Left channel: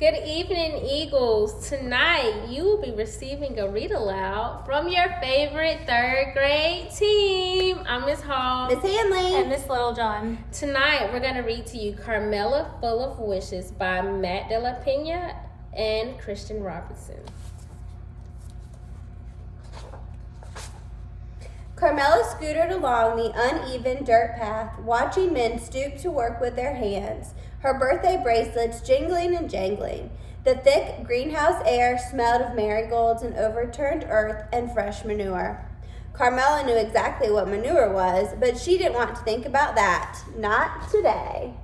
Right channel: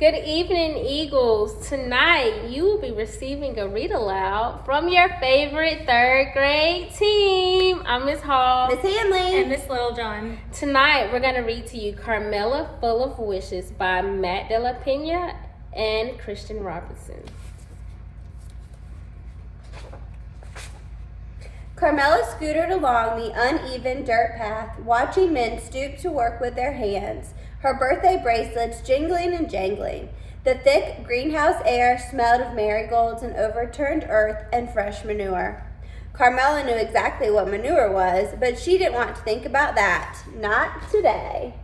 Good evening, Eagles. Tonight, you will be receiving a read aloud from your favorite third grade team. I'm Miss Hall. Miss Hanley. And Miss Littlejohn. Tonight, we're going to read to you Carmela Full of Wishes by Matt De La Pena and Christian Robinson. Carmela scootered along the uneven dirt path, watching men stoop to work with their hands, her birthday bracelets jingling and jangling. The thick greenhouse air smelled of marigolds and overturned earth and fresh manure. Carmela knew exactly what manure was, but she didn't want to think about that. Not today.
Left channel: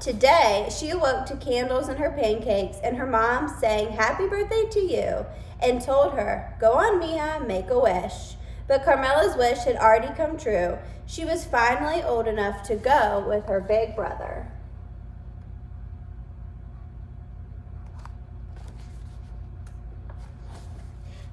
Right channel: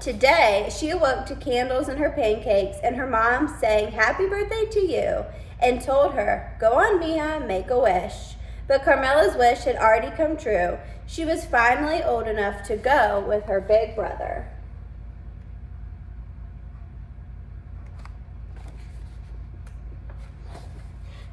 Today, she awoke to candles in her pancakes, and her mom sang happy birthday to you and told her, go on, Mia, make a wish. But Carmela's wish had already come true. She was finally old enough to go with her big brother.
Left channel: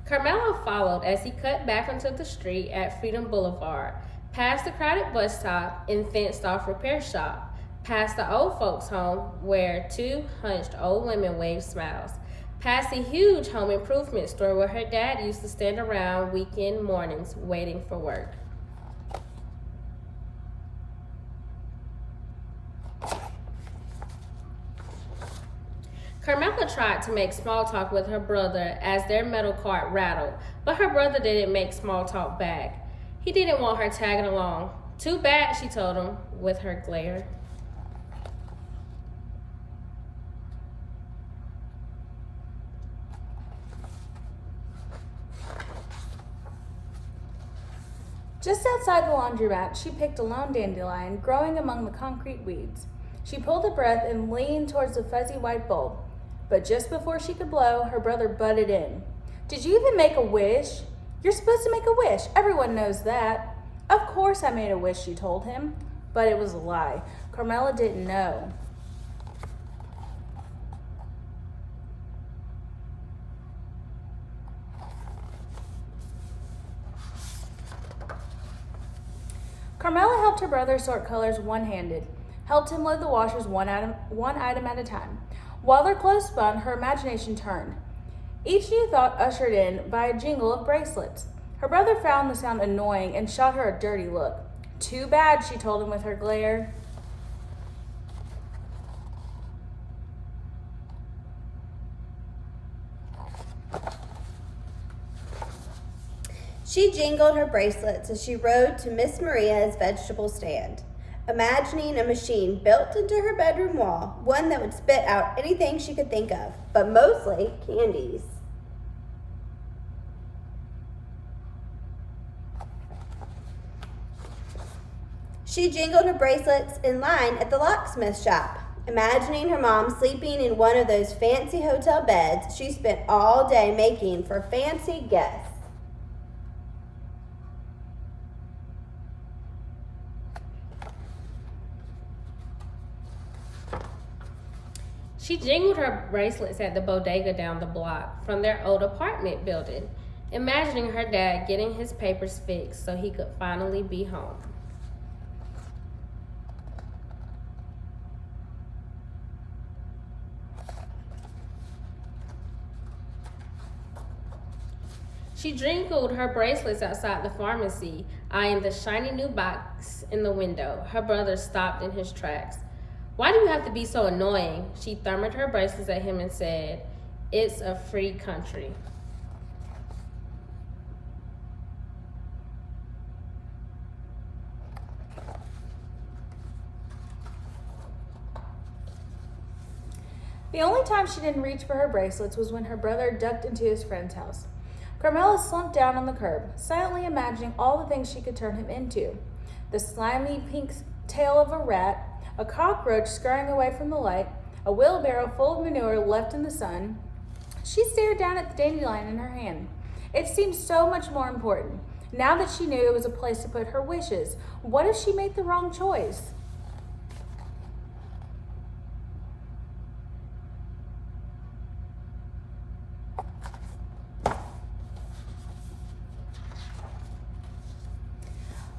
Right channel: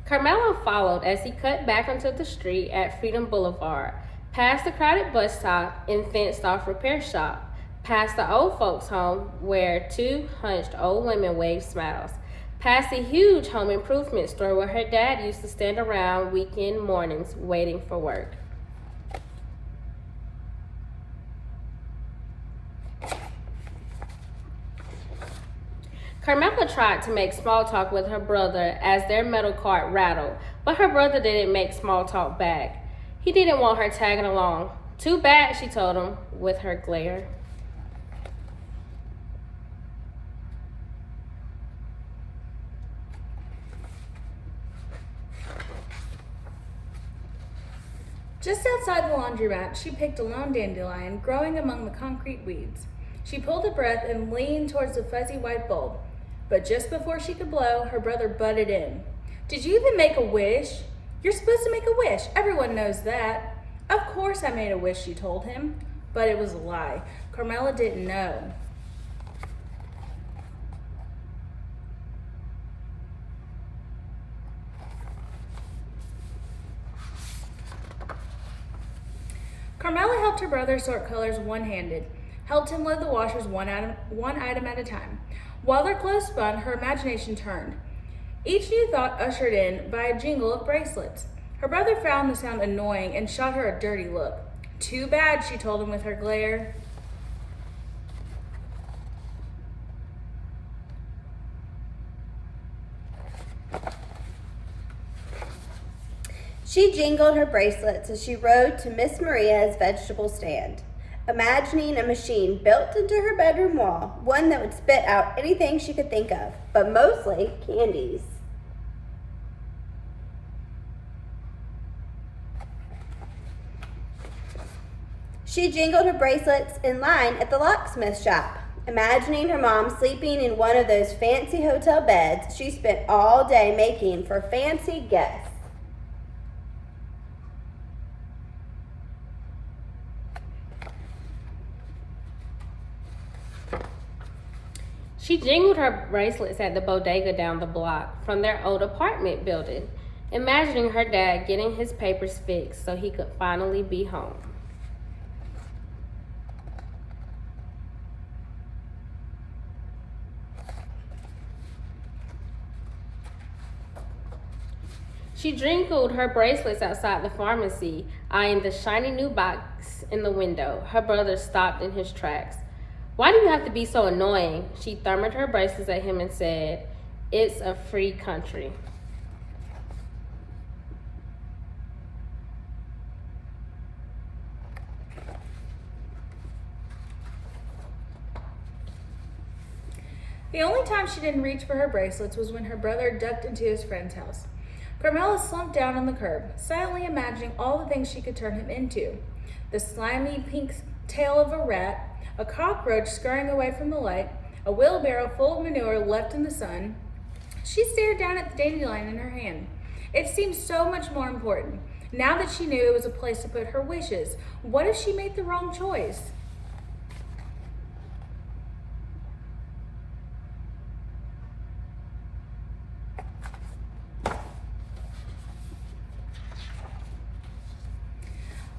Carmela followed as he cut back onto the street at Freedom Boulevard, past the crowded bus stop and fenced-off repair shop, past the old folks' home where two hunched old women waved smiles, past the huge home improvement store where her dad used to stand around weekend mornings waiting for work. Carmela tried to make small talk with her brother as their metal cart rattled, but her brother didn't make small talk back. He didn't want her tagging along. Too bad, she told him with her glare. Just outside the laundromat, she picked a lone dandelion growing among the concrete weeds. She pulled a breath and leaned towards the fuzzy white bulb. But just before she could blow, her brother butted in. Did you even make a wish? You're supposed to make a wish. Everyone knows that. Of course I made a wish, she told him. But it was a lie. Carmela didn't know. Carmela helped her brother sort colors one-handed, helped him load the washers one item at a time. While their clothes spun, her imagination turned. Each new thought ushered in by a jingle of bracelets. Her brother found the sound annoying and shot her a dirty look. Too bad, she told him with her glare. She jingled her bracelets as she rode to Miss Maria's vegetable stand, imagining a machine built into her bedroom wall, one that would spit out anything she could think of, but mostly candies. She jingled her bracelets in line at the locksmith shop, imagining her mom sleeping in one of those fancy hotel beds she spent all day making for fancy guests. She jingled her bracelets at the bodega down the block from their old apartment building, imagining her dad getting his papers fixed so he could finally be home. She jingled her bracelets outside the pharmacy, eyeing the shiny new box in the window. Her brother stopped in his tracks. Why do you have to be so annoying? She thumbered her bracelets at him and said, it's a free country. The only time she didn't reach for her bracelets was when her brother ducked into his friend's house. Carmela slumped down on the curb, silently imagining all the things she could turn him into. The slimy pink tail of a rat, a cockroach scurrying away from the light, a wheelbarrow full of manure left in the sun. She stared down at the dandelion in her hand. It seemed so much more important. Now that she knew it was a place to put her wishes, what if she made the wrong choice?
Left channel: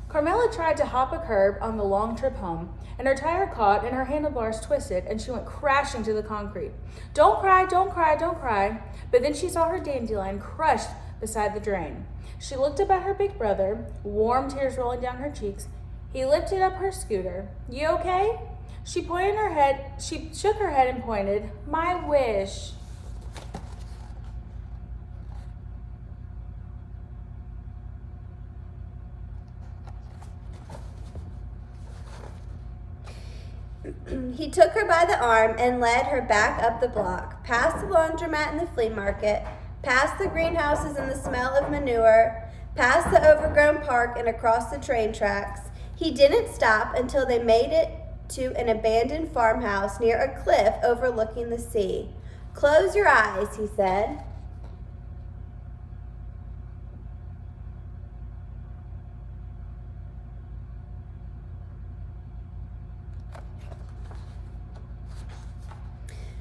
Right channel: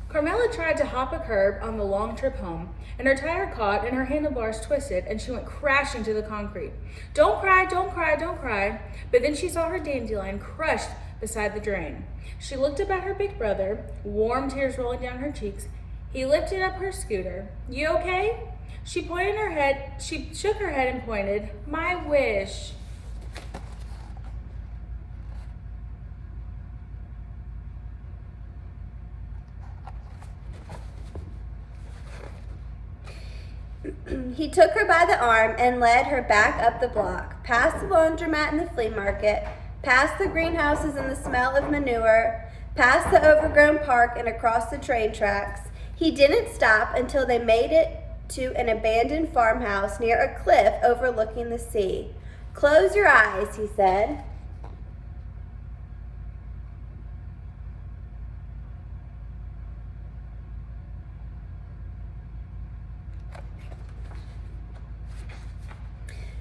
Carmela Carmela tried to hop a curb on the long trip home, and her tire caught and her handlebars twisted, and she went crashing to the concrete. Don't cry, don't cry, don't cry. But then she saw her dandelion crushed beside the drain. She looked up at her big brother, warm tears rolling down her cheeks. He lifted up her scooter. You okay? She shook her head and pointed. My wish. He took her by the arm and led her back up the block, past the laundromat and the flea market, past the greenhouses and the smell of manure, past the overgrown park and across the train tracks. He didn't stop until they made it to an abandoned farmhouse near a cliff overlooking the sea. Close your eyes, he said.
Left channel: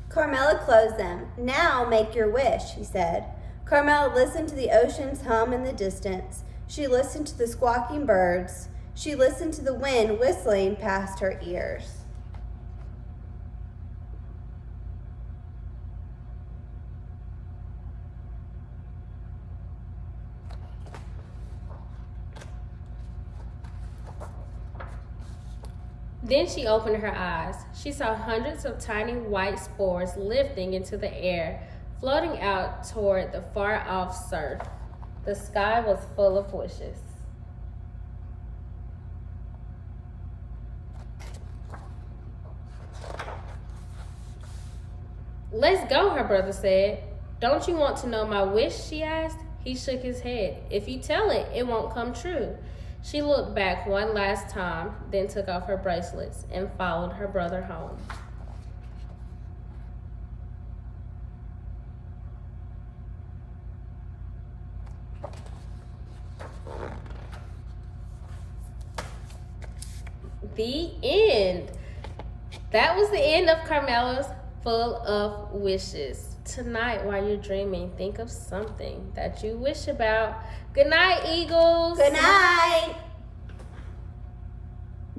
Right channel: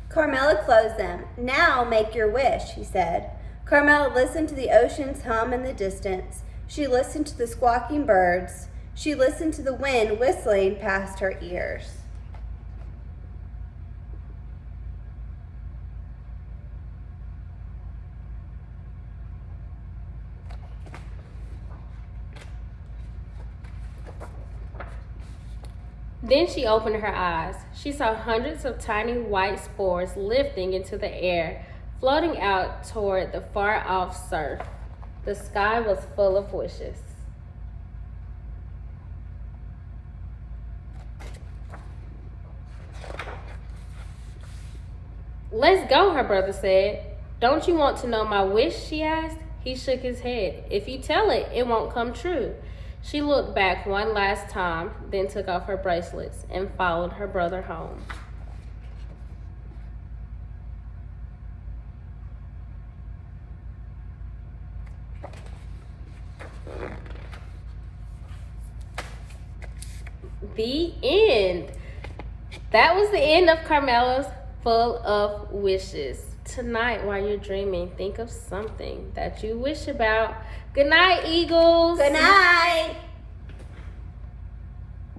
Carmela closed them. Now make your wish, he said. Carmela listened to the ocean's hum in the distance. She listened to the squawking birds. She listened to the wind whistling past her ears. Then she opened her eyes. She saw hundreds of tiny white spores lifting into the air, floating out toward the far-off surf. The sky was full of wishes. Let's go, her brother said. Don't you want to know my wish, she asked. He shook his head. If you tell it, it won't come true. She looked back one last time, then took off her bracelets and followed her brother home. The end. That was the end of Carmela's Full of Wishes. Tonight, while you're dreaming, think of something that you wish about. Good night, Eagles. Good night.